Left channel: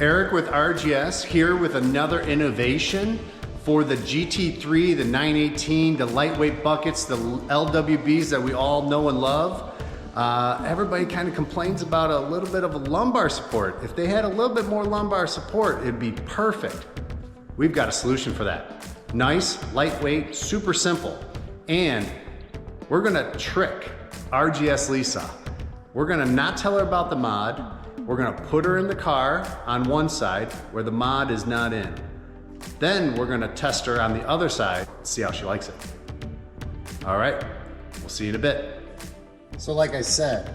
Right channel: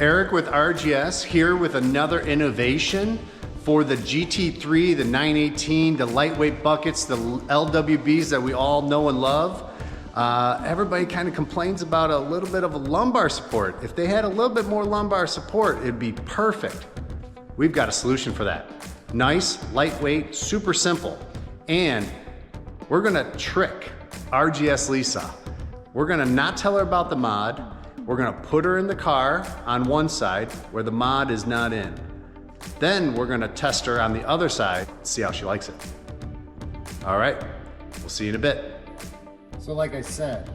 Eric with RGS here with another innovation for the GT3, the 918, the lightweight buckets, the LWBs that we all know and love. Everybody kind of complains about a little bit of a lumbar support. If they had a little bit more lumbar support, it'd be perfect. We've got a solution for that. Nice, lightweight, super simple. And we're gonna trick RGS Lisa. We're gonna not tell her about the mod. We're gonna put her in the car on one side where the mod is not in. Then we're gonna test her on the other side, see how she likes it. All right, we'll see you in a bit. So like I said,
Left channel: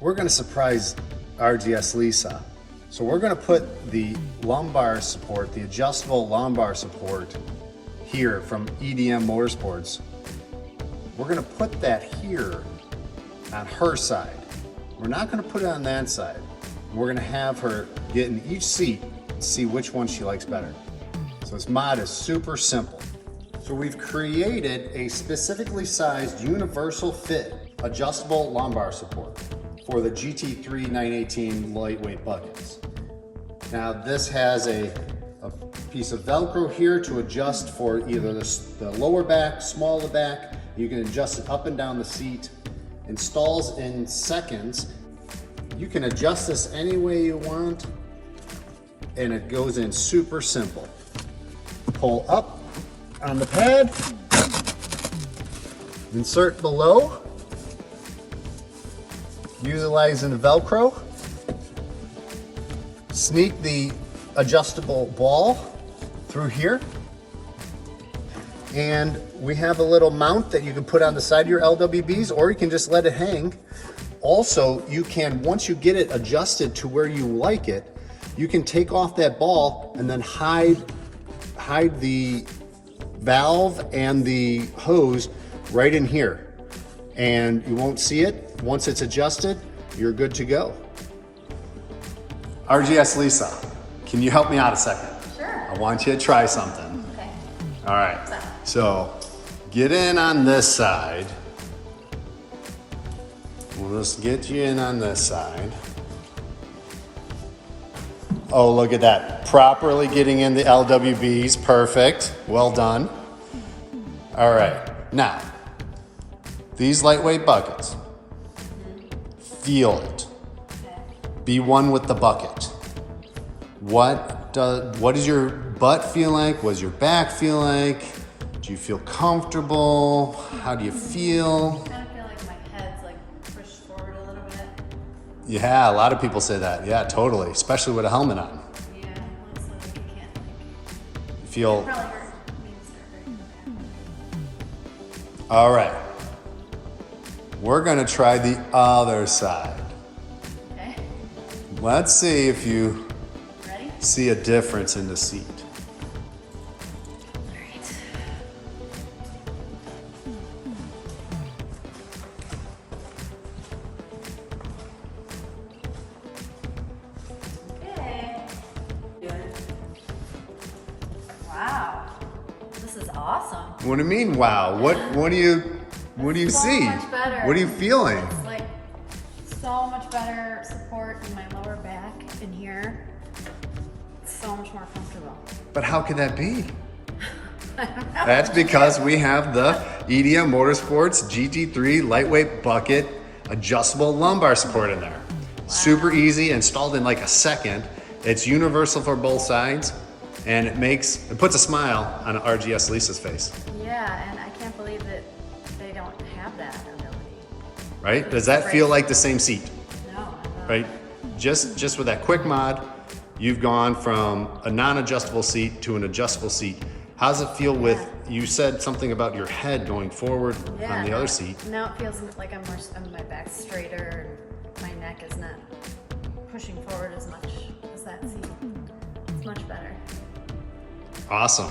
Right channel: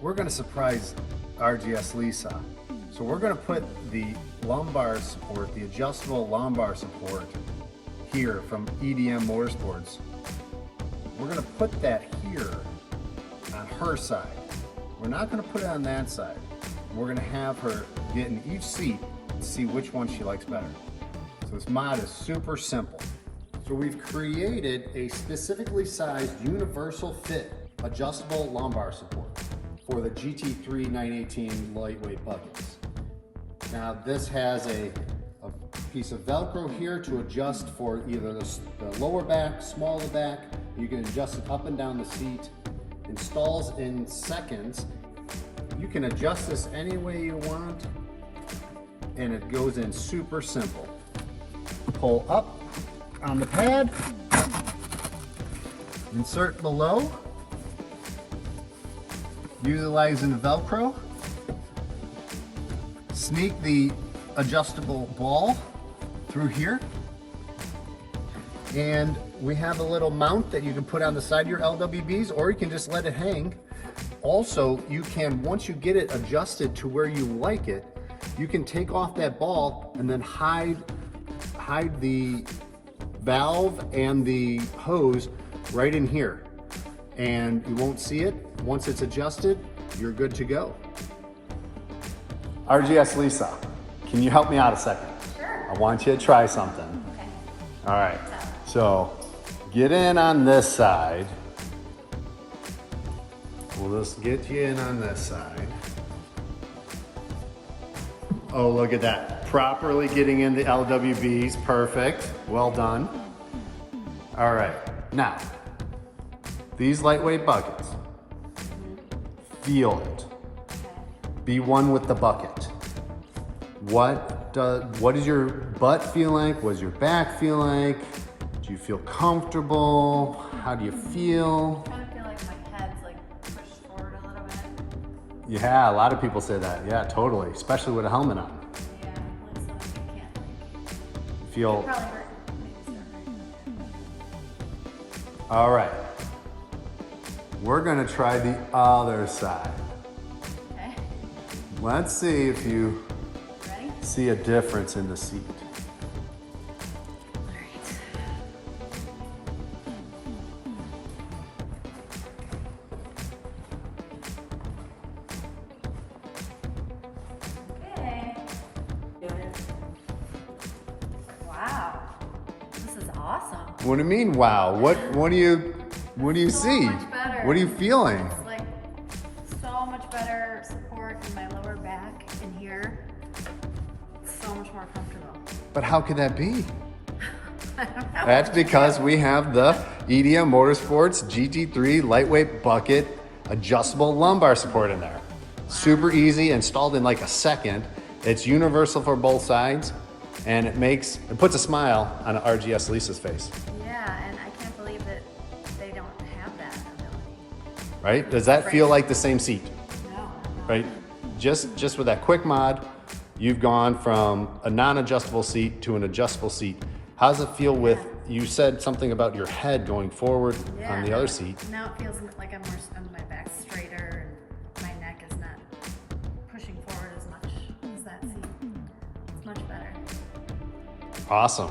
we're gonna surprise RGS Lisa. So we're gonna put the lumbar support, the adjustable lumbar support here from EDM Motorsports. We're gonna put that here on her side. We're not gonna put it on that side. We're gonna have her get in each seat and see which one she likes better. So this mod is super simple. So we've created a specifically sized universal fit adjustable lumbar support for the GT3 918 lightweight buckets. Now this has a piece of Velcro here to adjust for either the lower back, smaller back. You can adjust it up and down the seat. Installs in seconds. You can adjust this any way you want, and it goes in super simple. Pull up on the pad, insert below, utilizing the Velcro, sneak the adjustable ball through here, and we have a little mount that you can put on the side of your LWBs, or you can just let it hang. Also, you can, once you get it adjusted to where you like it, you can take off that ball and then hide the valve and the hose right in here. And you won't see it. Once it's adjusted, you're good to go. RGS Lisa, can you help me out a second? Sure. I want you to try something. Okay. All right. So get in on this side. We'll just get you in on this side. Oh, look at that. Properly getting in the LWBs. Perfect. Well done. All right. Now, these lightweight buckets, feel it. Be one with the bucket. What does your butt feel like? What does your back feel like? Do you feel comfortable? How do you feel? I kind of feel like my head's like pushed forward a little bit. Yeah, a lot of people say that. Yeah, totally. Especially with a helmet on. Yeah, once like you can't like. Feel. It probably hurt. Maybe start hurting. All right. We're gonna try the other side. Okay. Let's see if you Ready? see a difference in the seat. Wow, this is awesome. What do you mean, wow? What do you So see? much better. What are you feeling? It's like so much better support in my lower back in here. It's so much more comfortable. But how could that be? I don't know. That's because we have the EDM Motorsports GT3 Lightweight Bucket adjustable lumbar support in there. Wow. Super easy, installed in like a second. It's universal for both sides, and it puts a smile on RGS Lisa's face. Yeah, and I can't believe that they don't have that ability. Right? Does that feel like the same seat? No, not at all. Right? Just with that quick mod, you've gone from a non-adjustable seat to an adjustable seat. How does it feel with, you said something about your head going forward on the other seat. Now it feels like my back's straighter and my neck is not pushing forward as much as that seat. It's much better. Awesome.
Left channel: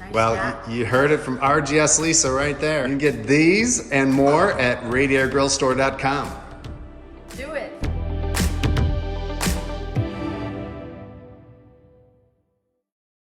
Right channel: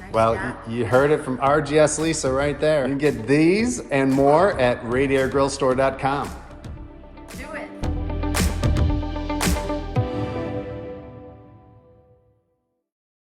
Nice Well, job. you heard it from RGS Lisa right there. You can get these and more at radiatorgrillstore.com. Do it.